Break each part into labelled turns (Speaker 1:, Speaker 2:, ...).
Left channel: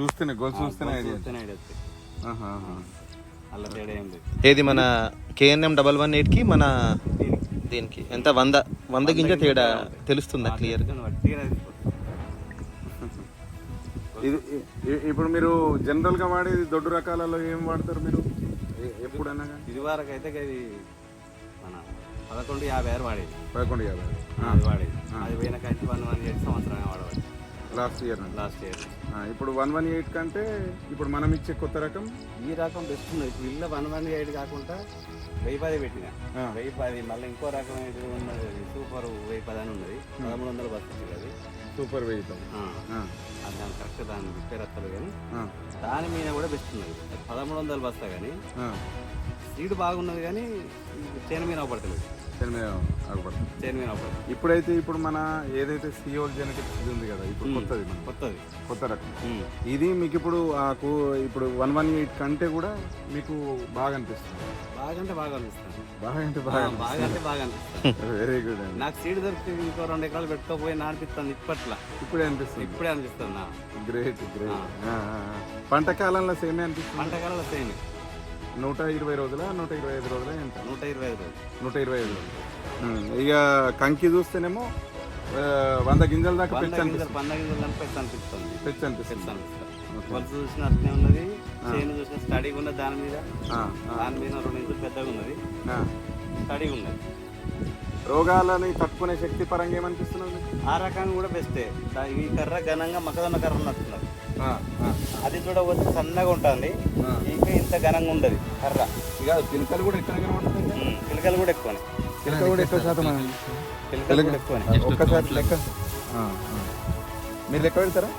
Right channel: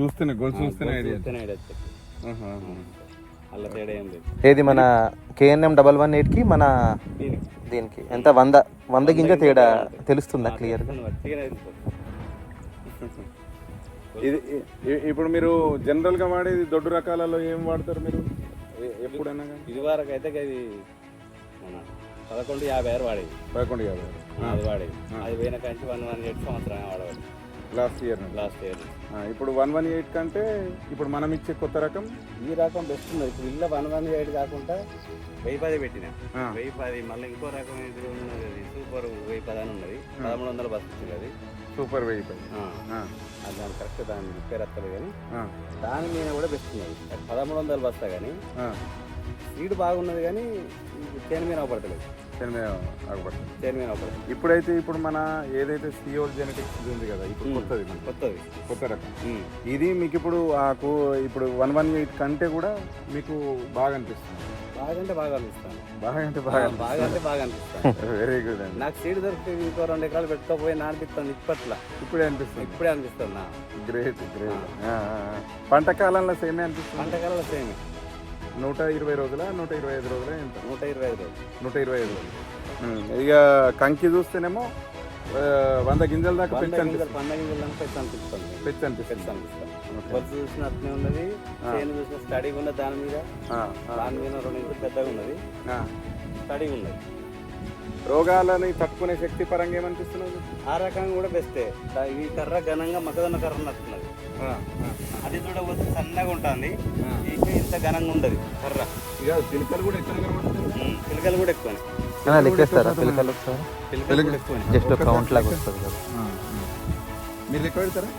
Speaker 1: చూస్తేనే గొలుసు చూస్తేనే ఐడియా.
Speaker 2: అలా తేడా ఏం లేదు.
Speaker 3: ఏది మన కేఎన్ఎం డబల్ వన్ ఎయిట్కి మన
Speaker 2: దీనికి.
Speaker 3: దీనికి? ఎంత? వంద? వంద గింజ తేడా తెలుస్తుందా క్లియర్గా.
Speaker 1: ఇది ఇప్పుడు మీరు జనరల్గా వాడేది దొడ్డు రకాలలో ఏం వాడతారు మీరు? ఎప్పుడైనా
Speaker 2: ఇది వరకు అయితే ఇది మన పదకొండు యాభై ఆరు వాడేది.
Speaker 1: పదకొండు యాభై
Speaker 2: అది వాడేది. అది పోయిన కంచి వన్ వన్ ఎయిట్ సంవత్సరంగా వాడవచ్చు.
Speaker 1: లాస్ట్ ఇయర్ నుండి
Speaker 2: లాస్ట్ ఇయర్
Speaker 1: ఇప్పుడు వన్ వన్ ఎయిట్ కంటే ఇప్పుడు మనం ఇచ్చే కొత్త రకం?
Speaker 2: ఈ రకం బెస్ట్ ఉన్నది. ఇప్పుడు ఇల్ల వన్ వన్ ఎయిట్ కాకుండా వెయ్యి పది పెట్టిన. వెయ్యి పది మళ్ళీ ఇంకో రకం ఇది ఉన్నది? అది సూపర్ వెయ్యి పది అని ఉన్నది. పదమూడు వందల బస్సు అది.
Speaker 1: సూపర్ వెయ్యి పది.
Speaker 2: దాని కరెక్ట్ దాని రిపేర్ వస్తుంది కానీ దాని మీద కూడా బెస్ట్ ఉన్నది. పదమూడు వందలు బస్తా కానీ. సీడ్ బాగున్నది కానీ చేను మీద అవపడతలేదు.
Speaker 1: దీని మీద ఆగపడుతుంది
Speaker 2: చేను మీద
Speaker 1: ఇప్పుడైతే ఇప్పుడు మన ఏదైతే సిఓల్ జెనెటిక్స్ ఇది ఉంది కదా ఇప్పుడు కొత్తది మన
Speaker 2: కొత్తది.
Speaker 1: కొత్త రకం. ఇది మీకు ఇప్పుడు ఆ కూ- ఇప్పుడు వన్ వన్ ఎయిట్ కంటే కూడా మీకు బాగా అనిపిస్తుంది.
Speaker 2: బాగా అంటే బాగా అనిపిస్తాను
Speaker 1: బాగా అంటే బాగా
Speaker 2: బాగా అంటే బాగా అనిపిస్తాను
Speaker 1: వెరీ గుడ్ అండి.
Speaker 2: నాకు సీడ్ దొరికితే ఇంకో రెండు ఎకరాలు పెట్టుకోపోయి నానిపిస్తాను ఇప్పట్లో.
Speaker 1: ఇప్పుడే అనిపిస్తుంది.
Speaker 2: ఇప్పుడే అనిపిస్తుంది? నా
Speaker 1: గ్రేట్ గ్రేట్ పంట కాలంలో సేమే అనిపిస్తుంది?
Speaker 2: పంటకాలలో సేమ్.
Speaker 1: నూట ఇరవై రోజుల నూట ఇరవై ఐదు రోజుల ఎంత
Speaker 2: నూట ఇరవై ఐదు రోజులు.
Speaker 1: నూట ఇరవై ఐదు రోజులు. ఉమ్, ఇక కంకి చూస్తేనేమో ఆ, వంద గింజల దాకా
Speaker 2: వంద
Speaker 1: పెంచి
Speaker 2: గింజలు
Speaker 1: అనిపిస్తుంది
Speaker 2: పంద గింజలు అని పెట్టి అనిపిస్తుంది
Speaker 1: పెంచి
Speaker 2: పెట్టి
Speaker 1: అనిపిస్తుంది
Speaker 2: అనిపిస్తుంది. కొలుసు చూసిన అట్లనే ఉన్నది చేను చూసిన స్టడీగా ఉన్నది దాని మీద
Speaker 1: ఆ, ఆ,
Speaker 2: దాని మీద రెండు ఇంచులు పెద్దగా ఉన్నది.
Speaker 1: ఆ.
Speaker 2: స్టడీగా ఉన్నది.
Speaker 1: రోగాలని తట్టుకునే శక్తి పరంగా ఏమనిపిస్తున్నది
Speaker 2: ఆ రకంగా కూడా బెస్టే. దా- ఈ కర్ర ఘనంగా మకదన్న కర్ర నట్టున్నది అది చూడకపోతే సన్నగా ఉంటుంది. ఇంకా ఇంత ఘనంగా ఉండదు కర్ర.
Speaker 1: ఇక పిలకలు కూడా ఎక్కడ కనబడుతుంది
Speaker 2: పిలకలు కూడా ఎక్కువనే. పిలకలు కూడా ఎక్కువనే.
Speaker 3: జస్ట్ కౌంట్ లాగా.
Speaker 1: మీరు లెక్క పెడతారా?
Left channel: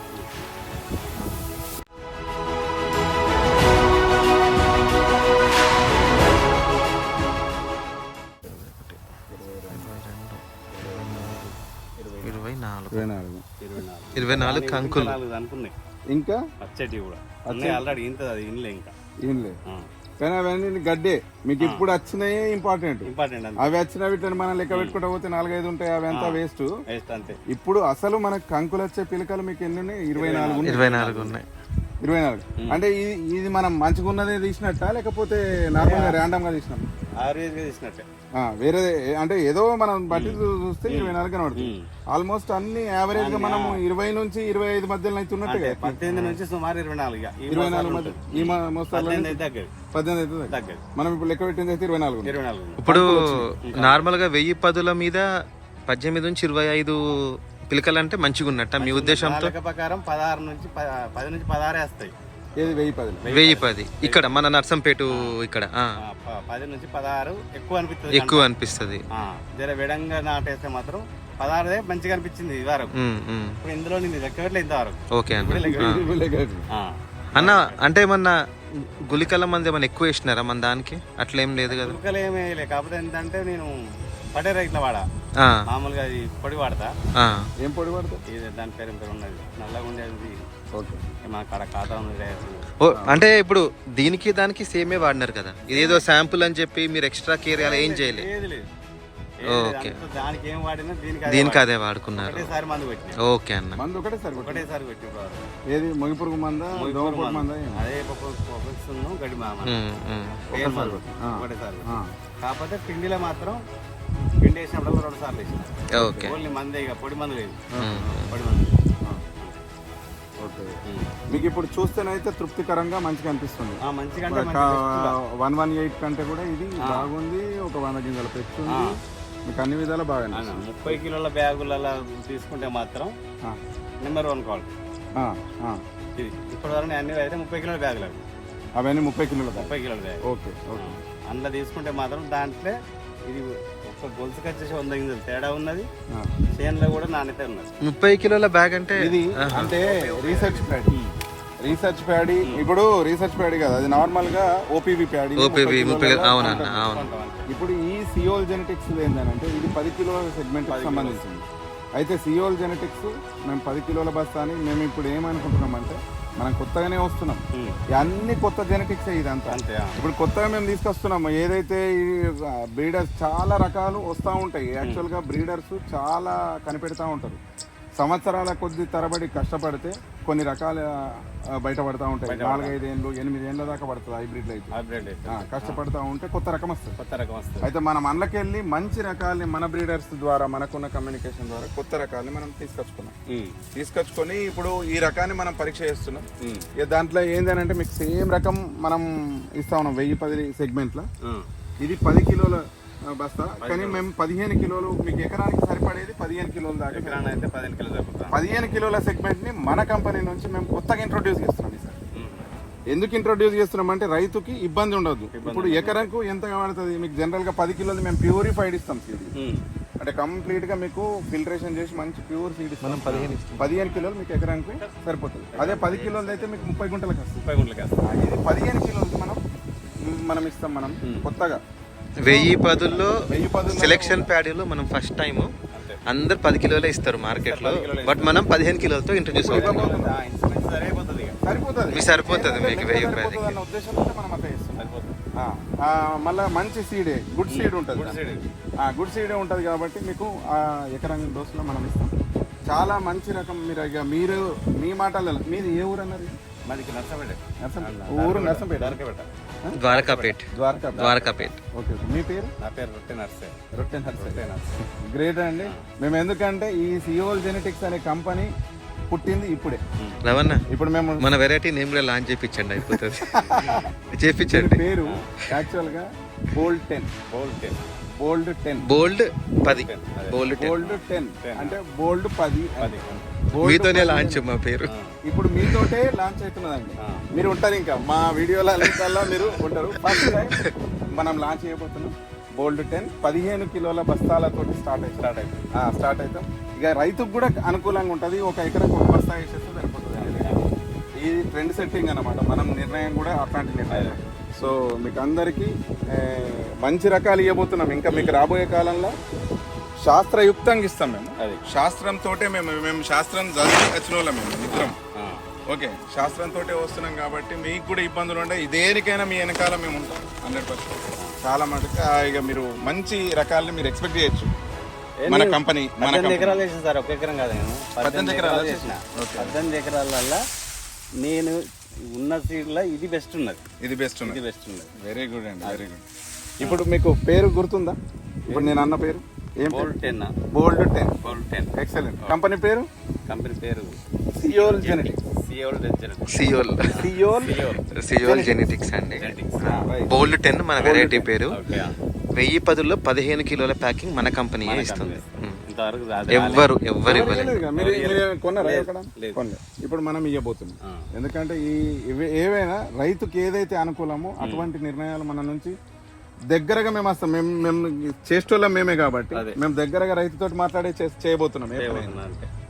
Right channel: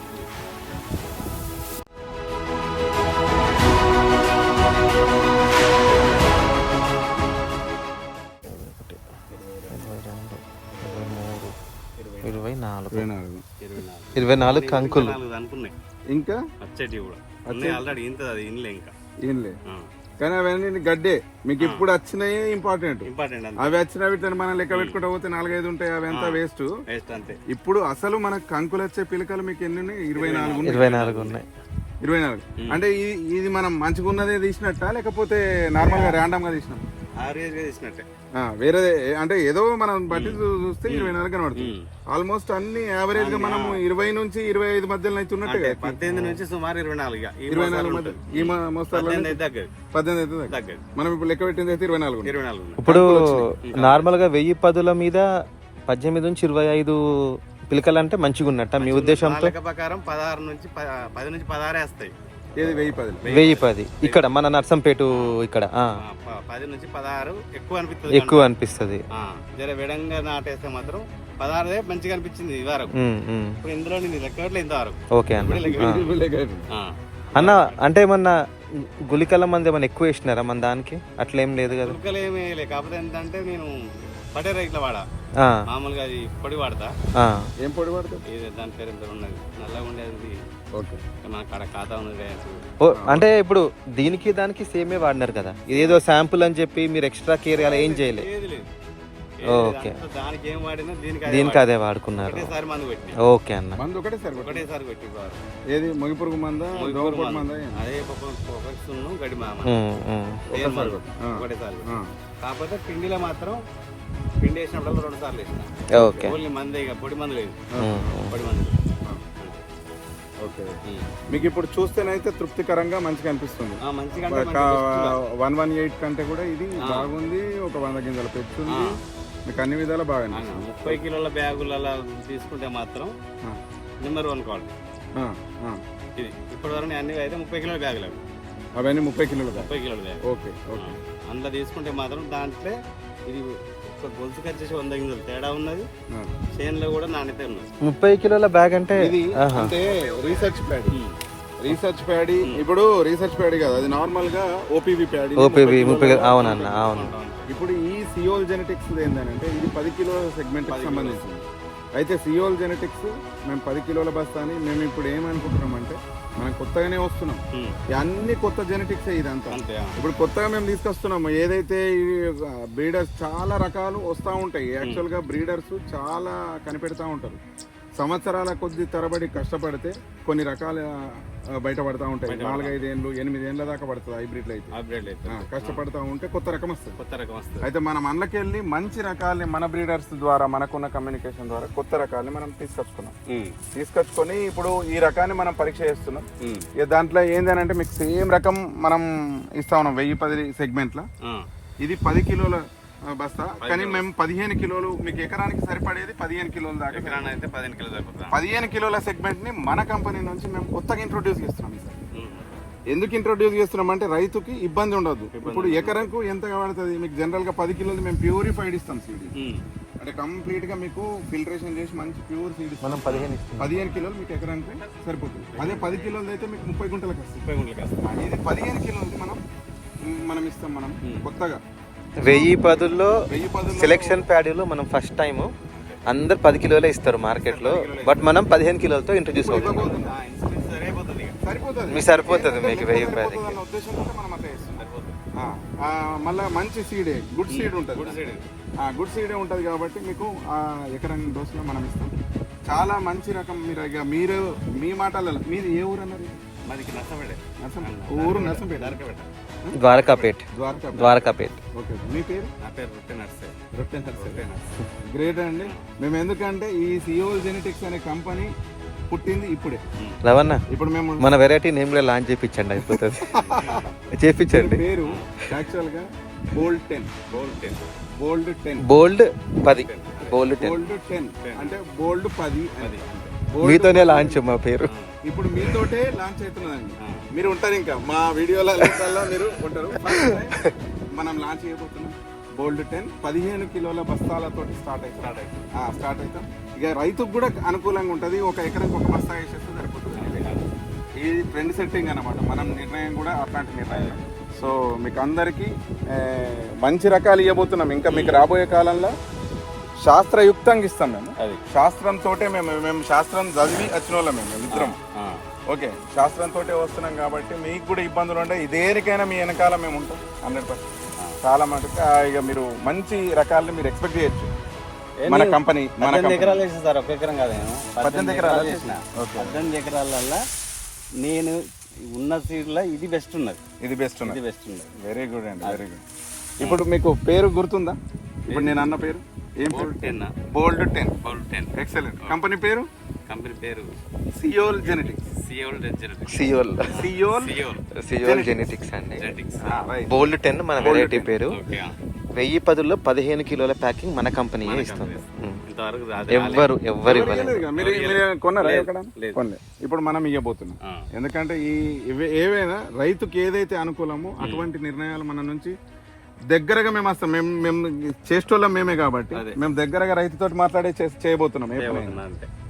Speaker 3: ఇరవై నాలుగు
Speaker 1: ఇరవై నాలుగు
Speaker 3: కంకులు.
Speaker 2: అనుకున్నాయి.
Speaker 1: ఇంకా?
Speaker 2: పచ్చటి కూడా. ఉన్నాయి ఆల్రెడీ ఇంత అది ఇన్లే ఇంకా.
Speaker 1: లేదు కానీ అవన్నీ గడ్డే. మీకు ఇప్పుడు వచ్చినాయి ఇంపార్టెంట్ అవి వచ్చిన వీటిని మనం లెక్క పెట్టుకుంటా పోతే నాలుగైదు ఉంటాయి అవి అంతా వేస్ట్
Speaker 2: వేస్ట్ అంతే.
Speaker 1: ఇప్పుడు అసలు మనకు కంకులు వచ్చే పిలకలు మీకు ఎన్ని ఉన్నాయి? ఇరవై నాలుగు ఉన్నాయి.
Speaker 3: ఇరవై నాలుగు ఉన్నాయి.
Speaker 1: ఇరవై నాలుగు. అంటే ఇది ఇది మనం మంచిగా ఉన్నదే తీసినట్ట? లేకపోతే నార్మల్గా ర్యాండమ్ గా
Speaker 2: గా
Speaker 1: వేరే అంటే ఏదో మనం బట్టి చూస్తే ఇరవై నాలుగు కనబడుతుంది. ఆల్మోస్ట్ అన్ని యావరేజ్గా మనం ఇరవై నుంచి ఇరవై ఐదు మధ్యలో అయితే ఉన్నట్టుగా
Speaker 2: అంటే పద్దెనిమిది నుంచి సుమారు ఇరవై నాలుగు
Speaker 1: ఇరవై నాలుగు మధ్య. ఈ మోస్తార్లో
Speaker 2: పద్దెనిమిది అయితే
Speaker 1: మనం ఇప్పుడు లెక్క పెట్టింది అయితే ఇరవై నాలుగు ఉంది.
Speaker 2: ఇరవై నాలుగు.
Speaker 3: ఇప్పుడు నార్మల్గా వెయ్యి పదుల మీద పద్దెనిమిది నుంచి ఇరవై ఐదు పిలకలు అంటే మంచిగా ఉన్నట్ట మీ ఉద్దేశంతో
Speaker 2: ప్రకారం పదహారు నుంచి పది నుంచి పదహారే వస్తాయి.
Speaker 1: ఏది వెయ్యి పది.
Speaker 3: వెయ్యి పది. ఇక్కడ మన నర్సంపేట ఇక్కడ.
Speaker 2: పది నుంచి పదహారు ఎక్కువ అనిపిస్తుంది
Speaker 3: ఎక్కువ అనిపిస్తుంది.
Speaker 2: జర విడంగా నాటేస్తే మాత్రం పదహారుదే మంచిగా అనిపించింది ఇది వరకు. ఇప్పుడు ఇందులో లెక్కట్లే ఇంతవరకు.
Speaker 3: ఓకే అన్న. అన్న అంటే ఏమన్నా గులికల మంది ఏమన్నా ఎక్కువ వేసినారా మన దానికి? అట్లేం లేదు కదా.
Speaker 2: ఉరకలు ఏమీ కాకపోతే ఏంటంటే నేను పడే రైట్ల వాడా. మామూలుగా అది పొడి వాడతా.
Speaker 1: ఏం పొడి
Speaker 2: ఇది దాని పేరు ఏం పేరు ఉన్నది. నల్లగా ఉండేది
Speaker 1: ఓకే.
Speaker 2: మన కాడ ఖాతా ఉంది రేసు
Speaker 3: ఓ అంటే ఇప్పుడు దీనికి దానికి సేమే వాడినారు కదా. ఇదేదో శాంపుల్ అని చెప్పి మీరు ఎక్స్ట్రా కేర్ అలా ఏం చేయలే.
Speaker 2: ఏది లేదు.
Speaker 3: ఓకే.
Speaker 2: దానికి ఏం వాడినా దీనికి అదే
Speaker 3: వాడుకున్నారు. ఓకే అన్న.
Speaker 1: ఏది? మొగిపురుగు మంద? మంద.
Speaker 2: కాకపోతే పిండిలో మాత్రం పిండి వేసినప్పుడు రెండు సార్లు వేసిన.
Speaker 3: ఓకే.
Speaker 2: ఓన్లీ మంది ఇక పొడి మందు లేదు. పొడి మందు లేదు.
Speaker 1: ఆ. ఓకే. మీకు ఇప్పుడు చూస్తేనైతే తృప్తికరంగా మంచిగా అనిపిస్తుంది. వన్ వన్ ఎయిట్ కంటే కూడా ఇది బాగుంది ఒక వంద గింజల పెట్టుకుంది మీకు అన్ని విధాలా బాగా
Speaker 2: ముప్పై కిలోల బ్యాగులలో తీసుకుంటే మాత్రం నెంబర్ వన్ క్వాలిటీ. ఇది ఇప్పటి వరకు అన్ని అయితే ముప్పై కిలోల బ్యాగులు అవి.
Speaker 1: అవన్నీ ముప్పై కిలోలు
Speaker 2: ముప్పై కిలోల బ్యాగ్
Speaker 1: ఓకే ఓకే.
Speaker 2: అందులో తీసుకుంటే మాత్రం దాంట్లో ఇది ఒక గొలుసుకి వచ్చేసి వంద గింజలు తేడా ఉన్నది. చేనులో కూడా నాణ్యత ఉన్నది.
Speaker 3: ముప్పై కిలోల బ్యాగ్ అంటే
Speaker 1: ఇది. అంటే రీసెర్చ్ ప్యాడీ రీసెర్చ్ ప్యాడీ ఇప్పుడు రీసెర్చ్ ప్యాడీ కాదు అది నార్మల్గా ఓపీవీ ప్యాడీ
Speaker 3: ఓపీవి ముప్పై అవునన్న అవును.
Speaker 1: ఇప్పుడు ఈ సియోల్ జెనెటిక్స్ ఏంటంటే ఇది పది కిలోల సెగ్మెంట్కి సంబంధించింది. అయితే సియోల్ జెనెటిక్స్ మేము పది కిలోల బస్తా అని మేము ఇప్పుడు ఏమనుకుంటున్నాం అంటే మనం కొత్తగానే వస్తున్నాం. అన్ని కొత్త జెనెటిక్స్ ఇదంతా. ఇప్పుడు కొత్తగా మేము తీసుకొస్తున్నాము. ఏదైతే బ్రీడర్స్ చాలా రకాలు వస్తూ ఉంటాయి. యాక్చువల్గా బ్రీడర్స్ చాలా కనిపెడతా ఉంటారు. సంవత్సరాల కొద్ది తరబడి కష్టపడితే కొన్ని రకాల ఆ, బయట పడతా ఉంటాయి. నాలుగైదు ఏళ్ళు ఎనిమిది ఏళ్ళ దాకా పడుతుంది హైబ్రిడ్లు అయితే. కష్టపడతా ఉంటే కొత్త రకం వస్తుంది.
Speaker 2: కొత్త రకం వస్తుంది.
Speaker 1: అయితే మనం అందులోకెళ్ళి మంచి రకాల్ని మన బ్రీడర్స్ ద్వారా మనకున్న కమ్యూనికేషన్ ద్వారా కొత్త రకాల్ని మనం తీసుకొచ్చుకున్నాం. తీసుకొచ్చుకొని ఇప్పుడు ఈ రకాన్ని మనం పరీక్ష చేస్తున్నాం. దాంట్లో ఏంటంటే మీకు సేమ్ రకం మనం ఇస్తా ఉన్నాం వెయ్యి పది సెగ్మెంట్లో. ఇది పది కిలోల బస్తా. కానీ మేము పదిహేను కిలోలు మీకు ఎకరానికి సరిపడేది పదిహేను కిలోల దాకా.
Speaker 2: అయితే పదిహేను కిలో సరిపోతుంది.
Speaker 1: పదిహేను కిలోల సెగ్మెంట్ని మన కంపెనీ నుంచి మేము కొత్తగా ఇంట్రొడ్యూస్ చేస్తున్నాం
Speaker 2: ఉమ్,
Speaker 1: ఎందుకు ఇంట్రొడ్యూస్ చేస్తున్నాం అంటే రైతుకి ఇబ్బంది ఉండదు. ఇప్పుడు ఎకరంకు ఎంత కావాల్సింది మీకు జనరల్గా పది కిలోలు మేము ప్యూరిఫైడ్ ఇస్తాం సీడ్ అంటే కంప్లీట్గా మీకు ఫిల్టరేషన్ చేసి మంచి ప్యూర్ సీడ్
Speaker 3: మనం పదిహేను ఇస్తాం
Speaker 1: పదిహేను కిలోలు మీకు ఎకరానికి సరిపోతుంది. అదే పది కిలోలు అయితే మీకు ముప్పై గుంటలకు వస్తుంది
Speaker 2: ముప్పై గుంటలకి
Speaker 1: ఇది పదిహేను కిలోలకి మనం మనం ఇస్తాం మనం కొత్తగా.
Speaker 3: వెయ్యి పదుల్లో సెలెక్షన్ ప్యాడీలో మనం ఫస్ట్ టైం అందరు పది కిలోలే ఇస్తారు మార్కెట్లో. బట్ మనం పదిహేను కిలోలతో ఇంట్రడ్యూస్ అవుతున్నాం
Speaker 2: ఆ, ఇన్సూరెన్స్ సరిపోతుంది
Speaker 3: మీకు వెయ్యి రూపాయలకి.
Speaker 1: మళ్ళా మంచి సీడే గుడ్ సీడ్ ఉంటుంది
Speaker 2: గుడ్ సైడ్
Speaker 1: ఆ, గుడ్ సీడే ఉంటుంది కాబట్టి మీకు ఆ ఎకరం డోసులో మనం ఇస్తాం. చాలా మంచి రకం. మీరు ఇక మీరు మీ మాటలలో మీది ఏ ఊరు అన్నారు?
Speaker 2: మాది
Speaker 1: ఊరు నర్సంపేట.
Speaker 2: పెట్ట
Speaker 3: ద్వారకాపేట్.
Speaker 1: ద్వారకా
Speaker 3: ద్వారకాపేట్.
Speaker 1: ఓకే. మీ పేరు?
Speaker 2: నా పేరు రొట్టె నర్సే.
Speaker 1: రొట్టె
Speaker 2: నర్సే.
Speaker 1: గ్రేట్ అండి. మేము ఎందుకంటే ఈ సియోల్ జెనెటిక్స్ అనే కంపెనీ పుట్టింది ఇప్పుడే.
Speaker 3: రవణ
Speaker 1: ఇప్పుడు మేము
Speaker 3: మన వెరైటీ నేమ్ కూడా లాంచ్ చేయించండి అయిపోతుంది. చేపించండి.
Speaker 1: పేరు యాక్చువల్గా bold ten.
Speaker 2: Bolt
Speaker 1: bold ten.
Speaker 3: Bold పది. Bold ten.
Speaker 1: Bold ten. అంటే బోల్డ్ పది.
Speaker 2: అది
Speaker 3: మీతోనే లాంచ్ మా పేరు.
Speaker 1: ఇప్పుడు మీతోటే లాంచ్ అవుతున్నదండి. మీరు ఉంటారు ఇంకా. మా వీడియోల అన్నిటిలో మీరు ఉంటారు. ఫస్ట్ టైం మనం లాంచ్ చేయబోతున్నాం బోల్డ్ టెన్ పదిహేను కిలోల బస్తాలతోటి స్టార్ట్ అవుతాం
Speaker 2: స్టార్ట్
Speaker 1: అవుతాం. ఇక రైతుకు కూడా అనుకూలంగా ఉంటుంది. ఒక ఎకరానికి ఒక బస్తా వేసేస్తే సరిపోతుంది ఇది ట్రెండ్ సెట్టింగ్ అన్నమాట. మనం నిర్ణయం కూడా అట్లాంటి నిర్ణయం. సో మీకు అందరికీ మంచి రకాలు ఇవ్వబోతున్నాం. ఇంకా మీకు రాబోయే కాలంలో శాస్త్రయుక్తంగా ఇస్తాం మేము.
Speaker 2: అది.
Speaker 1: శాస్త్రంతో మేము మేము శాస్త్రం చదివి వచ్చిన వాళ్ళం మేము మిత్రం
Speaker 2: ఆ,
Speaker 1: ఓకే శాస్త్రంతో వస్తున్నాం కాబట్టి మీకు కూడా ఇబ్బందులు ఉంటాయి దేనికైనా మీ వెనకాల మేము ఉంటాం హండ్రెడ్ పర్సెంట్. చాలా మటుకు ఇక మీరు మంచి రకాలని మీరు ఎక్స్పెక్ట్ చేయొచ్చు. మన కంపెనీ మన
Speaker 2: ఎకరాలు వేసిన సార్ ఒక ఎకరం కాదు నేను.
Speaker 1: పద్దెనిమిది ఎకరాలు ఓకే.
Speaker 2: పద్దెనిమిది ఎకరాలల్లో నేను ఉన్న సీడ్లో ఇది బెస్ట్ ఉన్నది.
Speaker 1: ఇది బెస్ట్
Speaker 2: ఇది
Speaker 1: ఉన్నది
Speaker 2: బెస్ట్ ఉన్నది.
Speaker 1: వెరీ గుడ్ అండి వెరీ గుడ్ ఇప్పుడు మీకు పేరు గుర్తుందా? ఇప్పుడు నేను అన్న పేరు? ఏం
Speaker 2: bolt ten.
Speaker 1: Bold ten.
Speaker 2: Bolt ten.
Speaker 1: Excellent company పేరు?
Speaker 2: కంపెనీ పేరు
Speaker 1: Seoul genetics.
Speaker 2: Seoul genetics.
Speaker 3: Seoul.
Speaker 1: Seoul?
Speaker 2: Seoul.
Speaker 3: Genetics. అండి.
Speaker 2: జెనెటిక్స్.
Speaker 3: బోల్డ్ టెన్ మన వెరైటీ పేరు. వెయ్యి పదుల్లో పదిహేను కిలోల ప్యాకింగ్ మన కంపెనీయే ఇస్తుంది. ఎవ్వరు ఎవ్వరు ఇవ్వలేదు.
Speaker 1: ఇప్పుడు మనం ఇవ్వబోతున్నాం. ఎందుకంటే ఈ ఏవైనా రైతుకి ఏదైతే అనుకూలమో అటువంటి నిర్ణయాలు మన నుంచి దగ్గరగా మేము వస్తాం. మేము మేము చేసేటోళ్ళం మేమే కాబట్టి. మేము దగ్గరగా రైతుతో మాట్లాడే చేయబోతున్నాం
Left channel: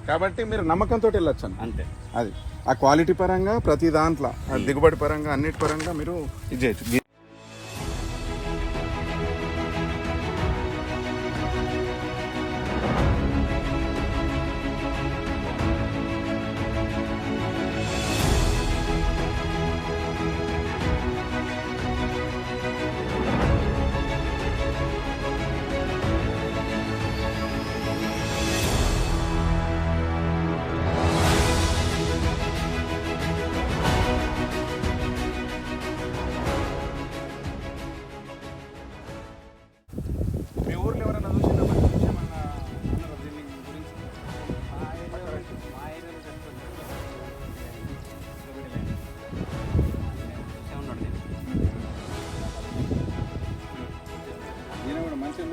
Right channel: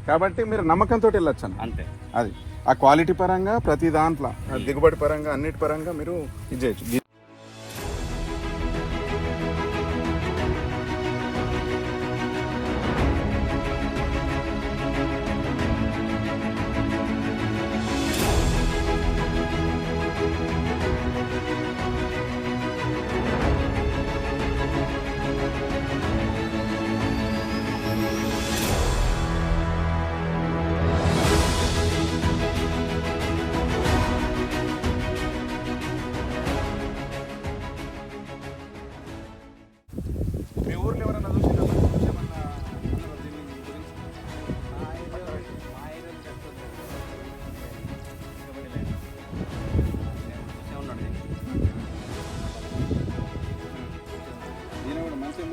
Speaker 1: కాబట్టి మీరు నమ్మకంతో వెళ్ళొచ్చు.
Speaker 2: అంతే.
Speaker 1: అది. ఆ క్వాలిటీ పరంగా ప్రతి దాంట్లో దిగుబడి పరంగా అన్నిటి పరంగా మీరు ఇది చేయొచ్చు.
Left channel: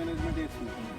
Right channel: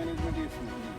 Speaker 1: ఈయన కూడా మంచి మేనేజ్మెంట్ చేస్తుంది